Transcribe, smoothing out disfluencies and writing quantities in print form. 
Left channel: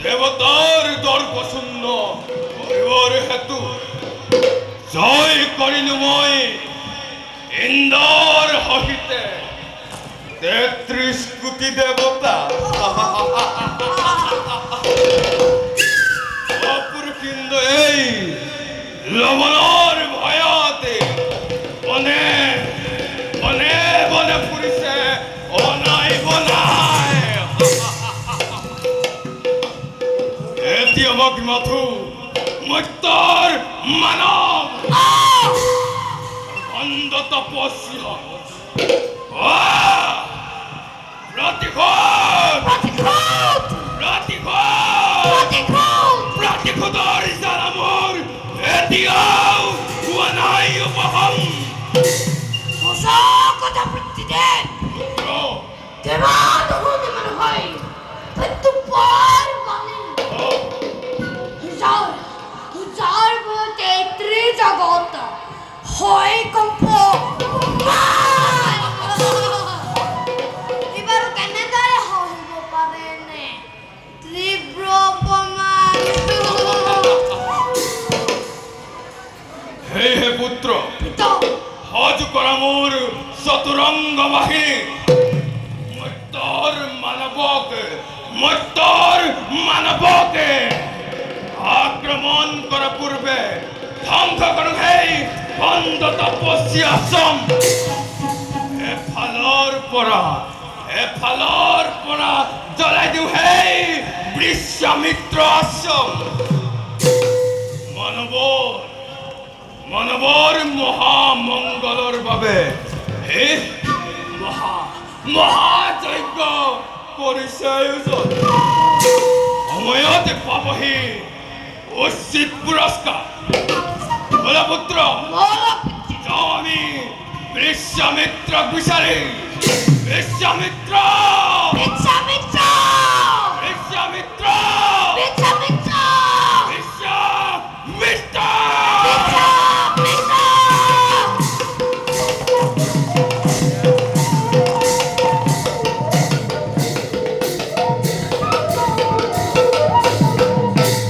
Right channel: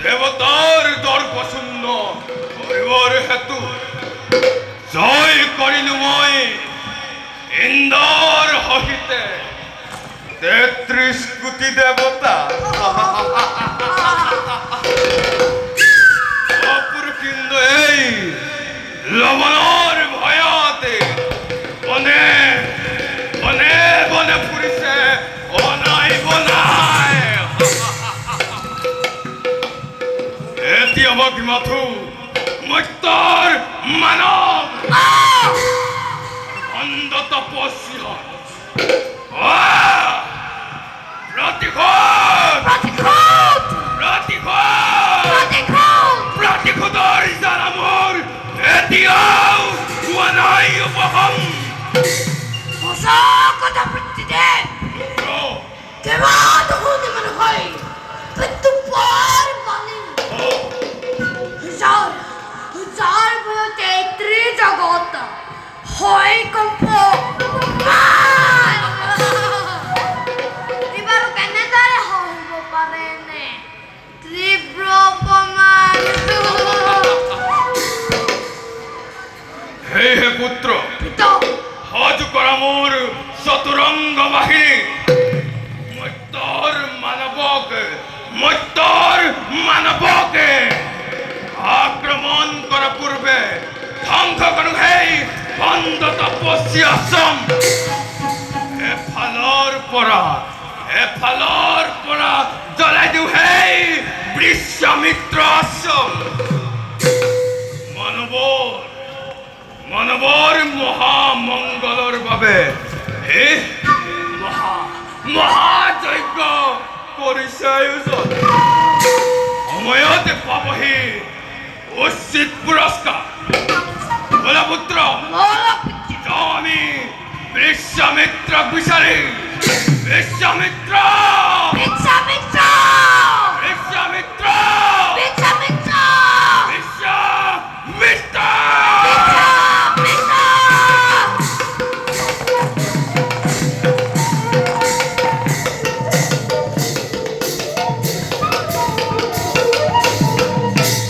দেবতার দর্পশূন্য হইবার হেতু জয় করিল মই ইন্দর হহিতে 33 কোটি দেবতা অপুরকিন্দ এই লবণর ভয়াতে বনে বনে বনে ফুরিছে অনাই বনাই এটি অবাক মাথু মত্যর মানব অন্ধ তপস্যা প্রতিঘোদর জানামর এতিয়াও ওয়ানাই উপহম কথা প্রতিদিন কেমন হতে মনে হয় কিন্তু পর বলে যার বলতে ত্রিজগৎ হয় কম্প এবার কেন তারে হইব পারে নে তীব্র অপমান হে হে পুত্র হজ করা মোর চতুরঙ্গ বাহিনী মত্যর মানবকে আক্রমণ করা পূর্বে ধ্বংস করুন হেই বন্ধ তপস্যা আশ্রম এ ফালর পরা জ্বলাই দিও হেই বিশ্বামিত্র আশ্রম মানবর মহামঙ্গলর বাবে হে মহাযজ্ঞ পৰিচয় সময়তে পাবহি উচিত পুৰস্কাৰ বলা পুত্ৰ যাওঁ আমি বিশ্বামিত্ৰক বিচাৰি বিশ্বামিত্ৰ